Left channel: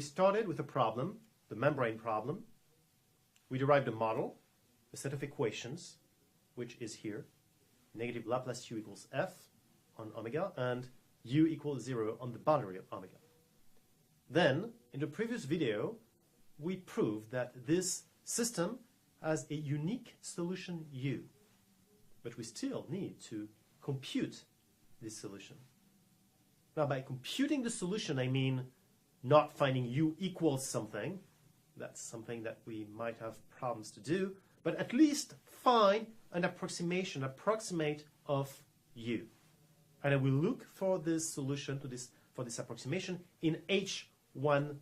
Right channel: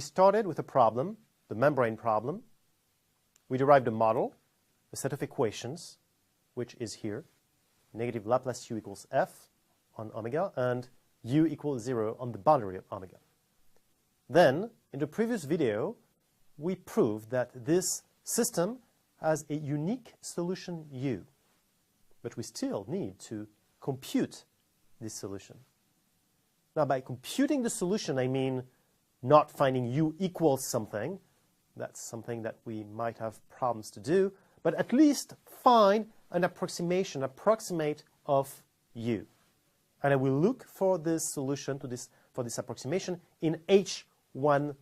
We started with a problem, the membrane problem. We derived a model, a set of equations, which is here. Negative Laplace u equals f on omega and u equals 0 on the boundary of omega. Then, in the previous video, we proved that this system has a unique solution u, but we still need to compute this solution. Now, by computing the solution, I mean not finding u equals something. That's something that we might have problems to do, but at least find an approximation, approximate of u. And I will look for this solution for this approximation in H10.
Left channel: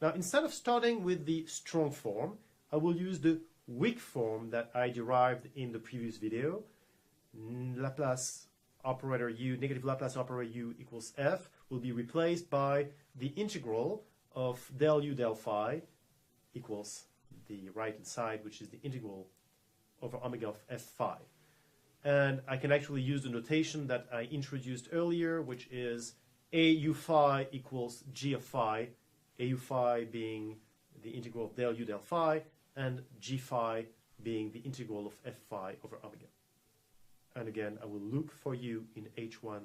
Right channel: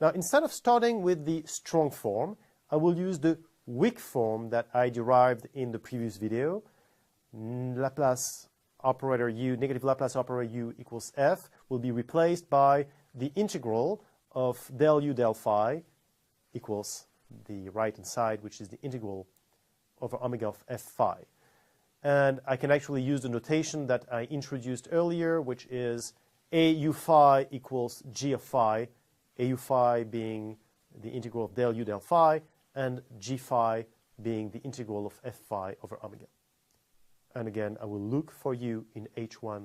Now, instead of starting with the strong form, I will use the weak form that I derived in the previous video. Laplace operator u, negative Laplace operator u equals f will be replaced by the integral of del u del phi equals the right-hand side, which is the integral over omega of f phi. And I can actually use the notation that I introduced earlier, which is a u phi equals g of phi, a u phi being the integral of del u del phi, and g phi being the integral of f phi over omega. And again, I will look for u in H10.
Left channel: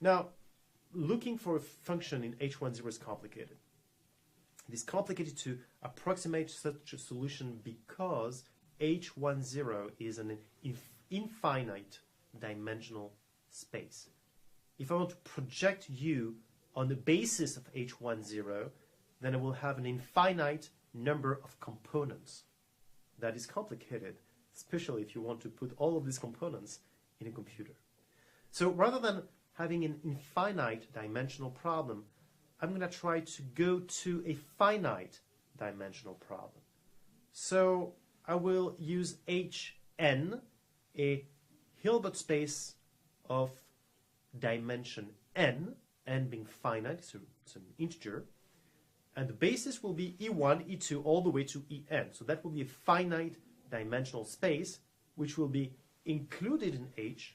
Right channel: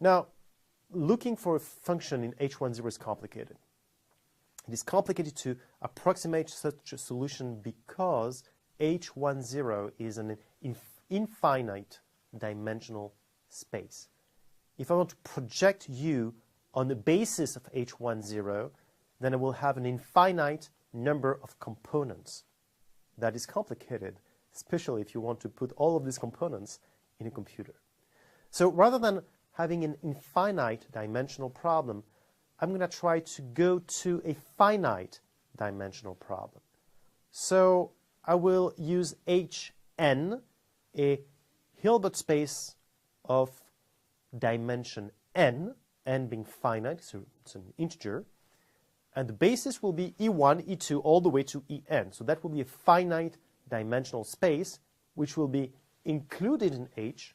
Now, looking for a function in H10 is complicated. It is complicated to approximate such a solution because H10 is an infinite dimensional space. If I want to project u on the basis of H10, then I will have an infinite number of components. That is complicated, especially if you want to put all of these components in a computer. So rather than having an infinite dimensional problem, I'm going to try to go to a finite dimensional problem. So I will use Hn, a Hilbert space of dimension n being finite, so it's an integer, and the basis will be E1, E2, all the way to En. So that will be a finite dimensional space, which will be included in H.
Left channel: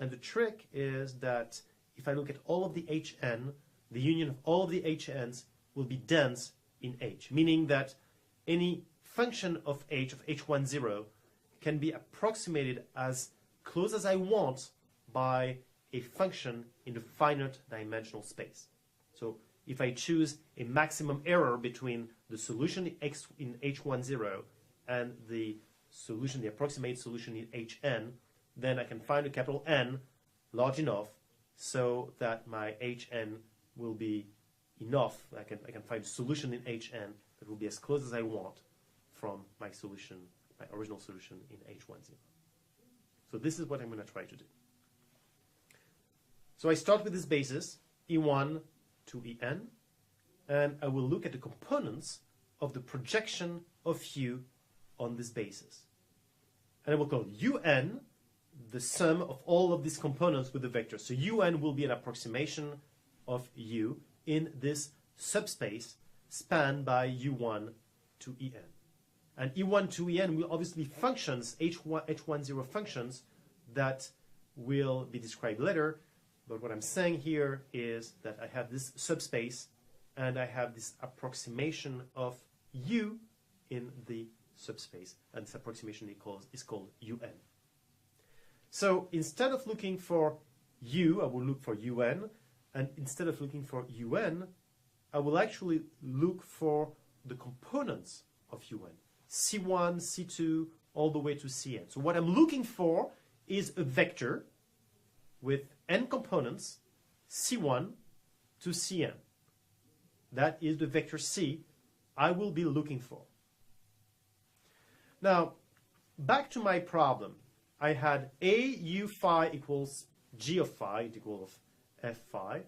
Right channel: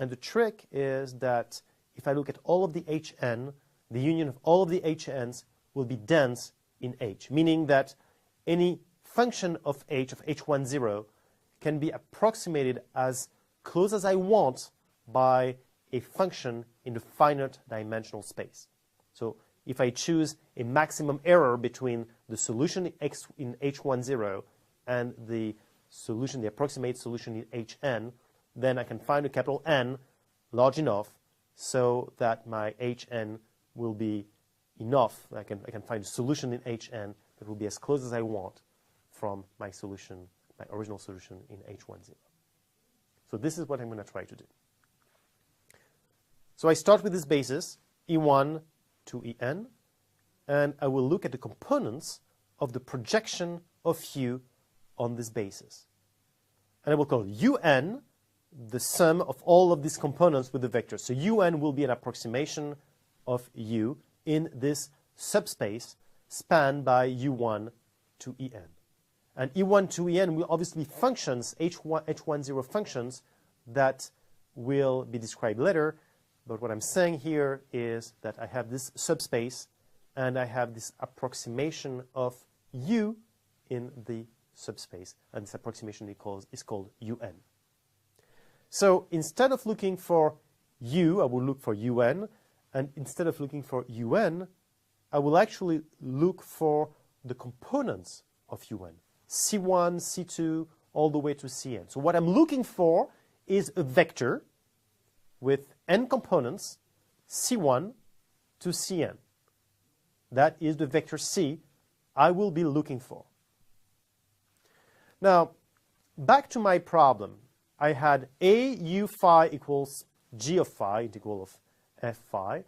And the trick is that if I look at all of the Hn, the union of all of the Hns will be dense in H, meaning that any function of H10 can be approximated as close as I want by a function in the finite dimensional space. So if I choose a maximum error between the solution in H10 and the solution, the approximate solution in Hn, then I can find a capital N large enough so that my Hn will be enough. I can find a solution in Hn that will be as close as I want from my solution, my original solution in H10. So this is what I'm going to try to do. So I start with this basis, E1 to En, and I will look at the components of the projection of u on this basis. And I will call Un the sum of all of these components with the vector. So Un will be an approximation of u in this subspace spanned by U1 to En. And E1 to En will obviously functions, H10 functions that will be described later. But what I'm saying here is that I have this subspace and I have this approximation of u in the subspace. And this approximation is called Un. So instead of looking for u, I will look for Un. And instead of looking for Un, I will actually look for the components of Un. C1, C2, all the way to Cn. So what I'm looking for is a vector with n components, C1 to Cn. That is the vector C I will be looking for. Now, back to my problem. I had a u phi equals g of phi, integral of f phi,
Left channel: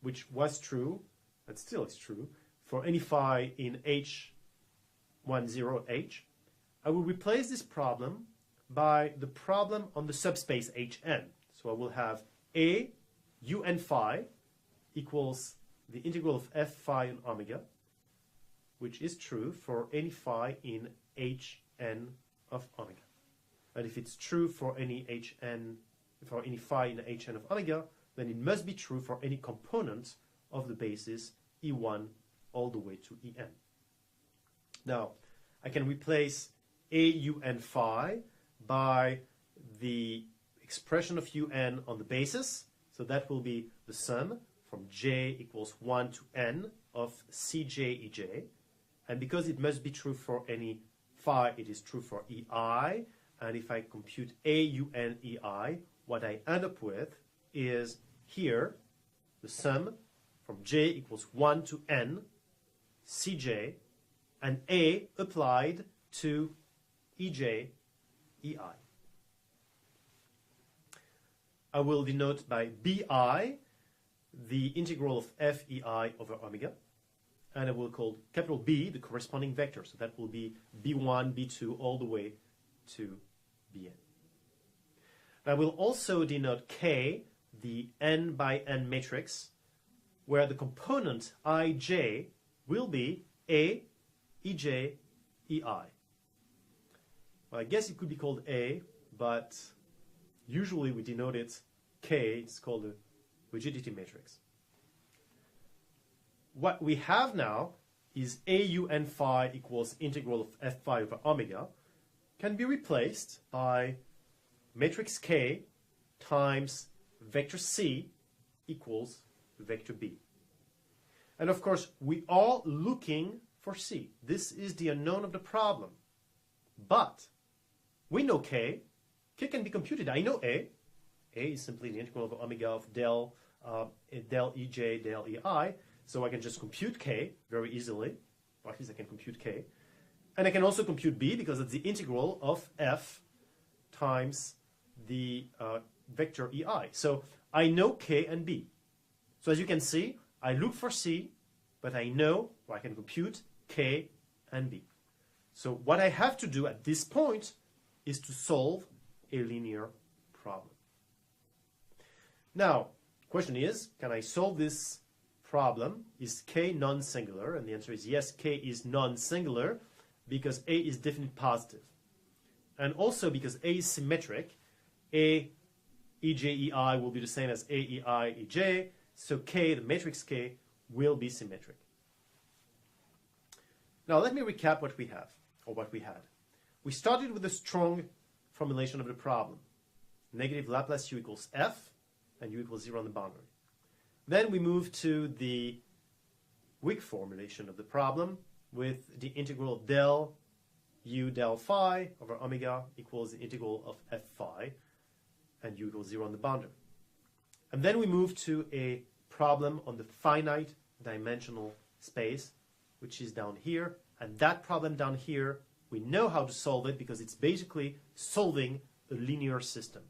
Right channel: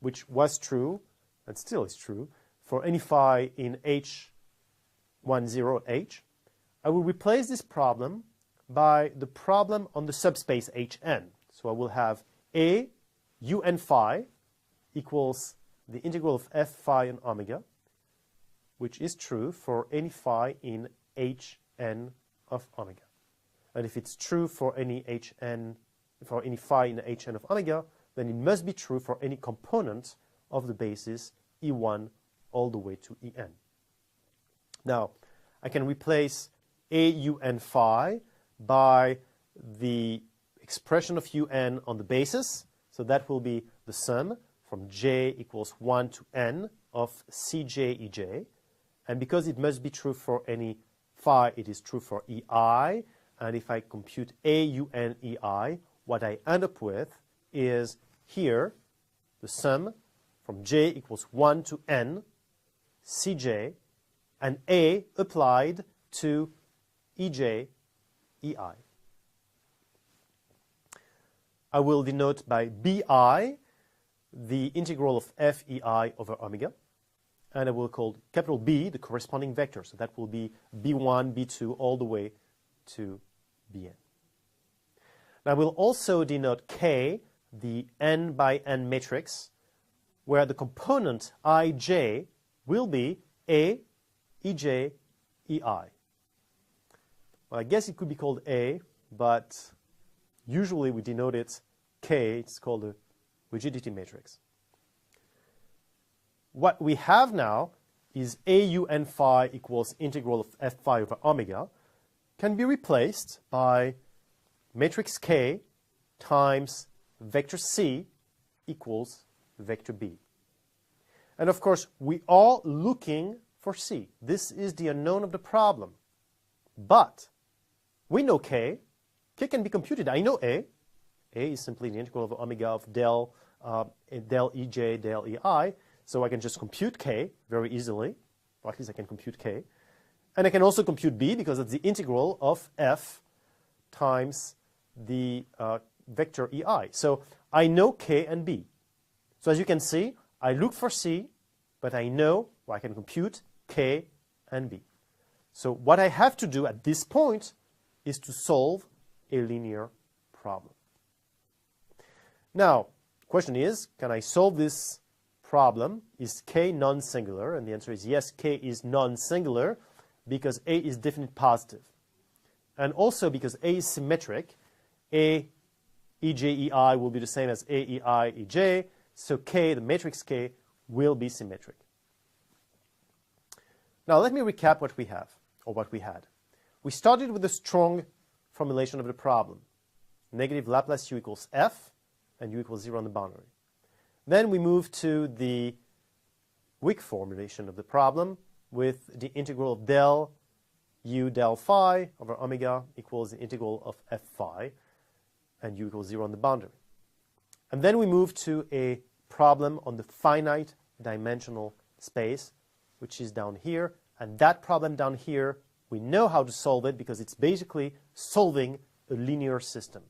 which was true, and still is true, for any phi in H10H. I will replace this problem by the problem on the subspace Hn. So I will have a un phi equals the integral of f phi and omega, which is true for any phi in Hn of omega. And if it's true for any phi in Hn of omega, then it must be true for any component of the basis E1 all the way to En. Now, I can replace AUN phi by the expression of UN on the basis. So that will be the sum from j equals 1 to n of Cj Ej. And because it must be true for any phi, it is true for Ei. And if I compute AUN Ei, what I end up with is here the sum from j equals 1 to n Cj and A applied to Ej Ei. I will denote by Bi the integral of Fei over omega, and I will call capital B the corresponding vector. So that will be B1, B2, all the way to Bn. Now I will also denote K the n by n matrix, where the component Ij will be A, Ej, Ei. Well, I guess it could be called A, but usually we denote it K. It's called a rigidity matrix. What we have now is AUN phi equals integral of F phi over omega can be replaced by matrix K times vector C equals vector B. And of course, we are looking for C. This is the unknown of the problem. But we know K. K can be computed. I know A. A is simply the integral of omega of del Ej, del Ei. So I can just compute K very easily. Or at least I can compute K. And I can also compute B because it's the integral of F times the vector Ei. So I know K and B. So as you can see, I look for C, but I know I can compute K and B. So what I have to do at this point is to solve a linear problem. Now, the question is, can I solve this problem? Is K non-singular? And the answer is yes, K is non-singular because A is definite positive. And also because A is symmetric, A Ej Ei will be the same as A Ei Ej, so K, the matrix K, will be symmetric. Now let me recap what we have, or what we had. We started with a strong formulation of the problem. Negative Laplace U equals F, and U equals 0 on the boundary. Then we moved to the weak formulation of the problem with the integral of del U del phi over omega equals the integral of F phi, and U equals 0 on the boundary. And then we moved to a problem on the finite dimensional space, which is down here. And that problem down here, we know how to solve it because it's basically solving a linear system.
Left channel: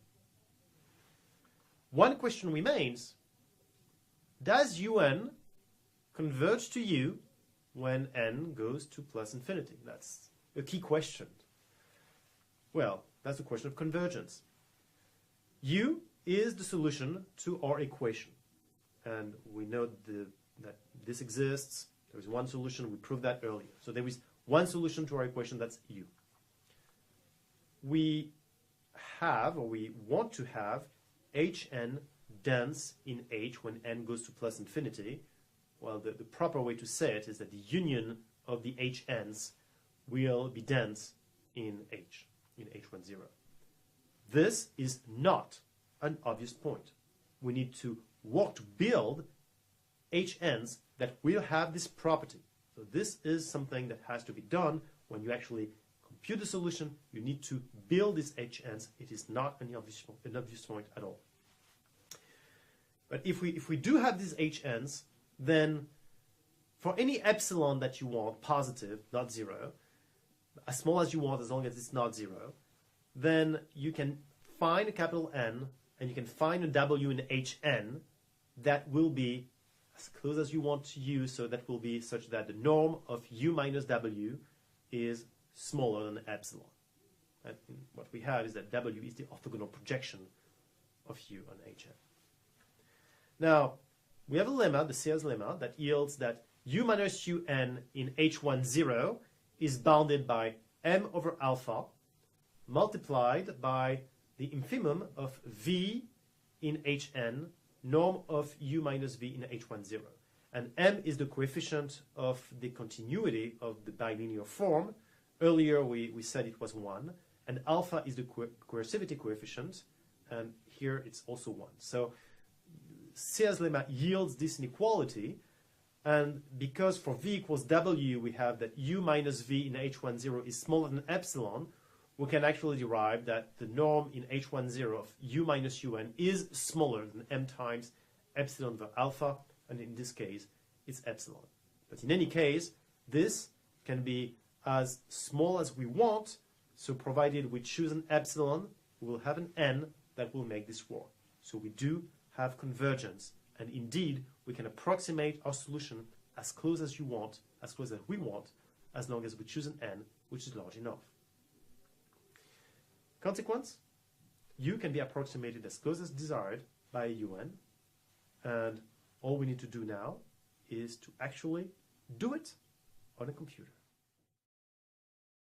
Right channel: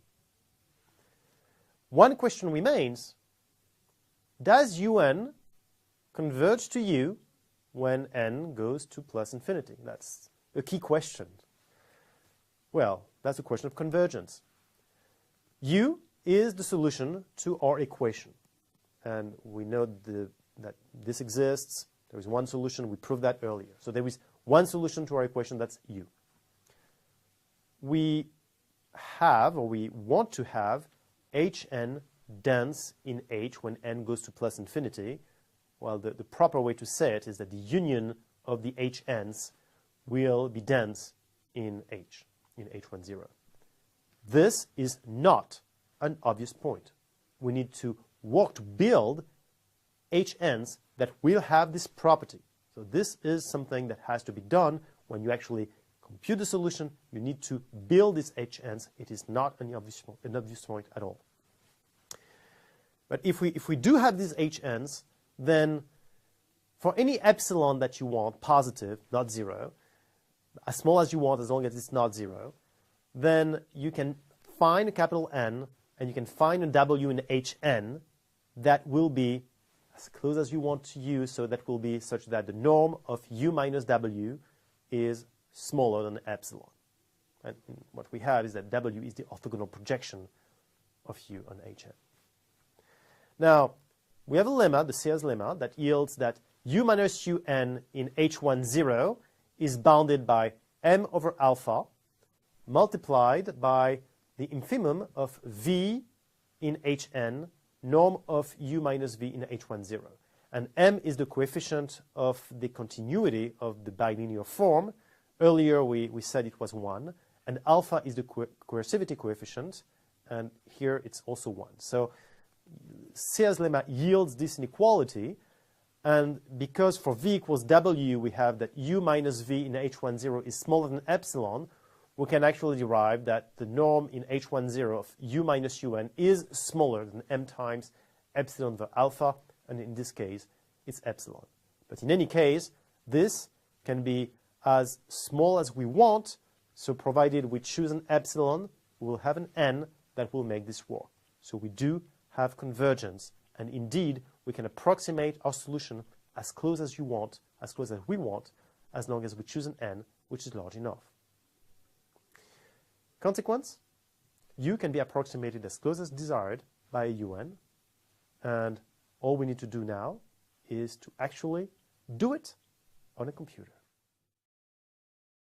One question remains: does Un converge to U when n goes to plus infinity? That's a key question. Well, that's a question of convergence. U is the solution to our equation. And we know that this exists. There is one solution. We proved that earlier. So there is one solution to our equation, that's U. We have, or we want to have, Hn dense in H when n goes to plus infinity. Well, the proper way to say it is that the union of the Hns will be dense in H, in H10. This is not an obvious point. We need to work to build Hns that will have this property. So this is something that has to be done when you actually compute the solution. You need to build these Hns. It is not an obvious point at all. But if we do have these Hns, then for any epsilon that you want, positive, not 0, as small as you want as long as it's not 0, then you can find a capital N and you can find a W in Hn that will be as close as you want to U, so that will be such that the norm of U minus W is smaller than epsilon. And what we have is that W is the orthogonal projection of U on Hn. Now, we have a lemma, the Sears lemma, that yields that U minus Un in H10 is bounded by M over alpha multiplied by the infimum of V in Hn norm of u minus v in H10. And m is the coefficient of the continuity of the bilinear form. Earlier we said it was 1. And alpha is the coercivity coefficient. And here it's also 1. So Sear's lemma yields this inequality. And because for v equals w, we have that u minus v in H10 is smaller than epsilon, we can actually derive that the norm in H10 of u minus un is smaller than m times epsilon over alpha, and in this case, it's epsilon. But in any case, this can be as small as we want, so provided we choose an epsilon, we will have an n that will make this work. So we do have convergence, and indeed, we can approximate our solution as close as you want, as close as we want, as long as we choose an n which is large enough. Consequence, u can be approximated as close as desired by un, and all we need to do now is to actually do it on a computer.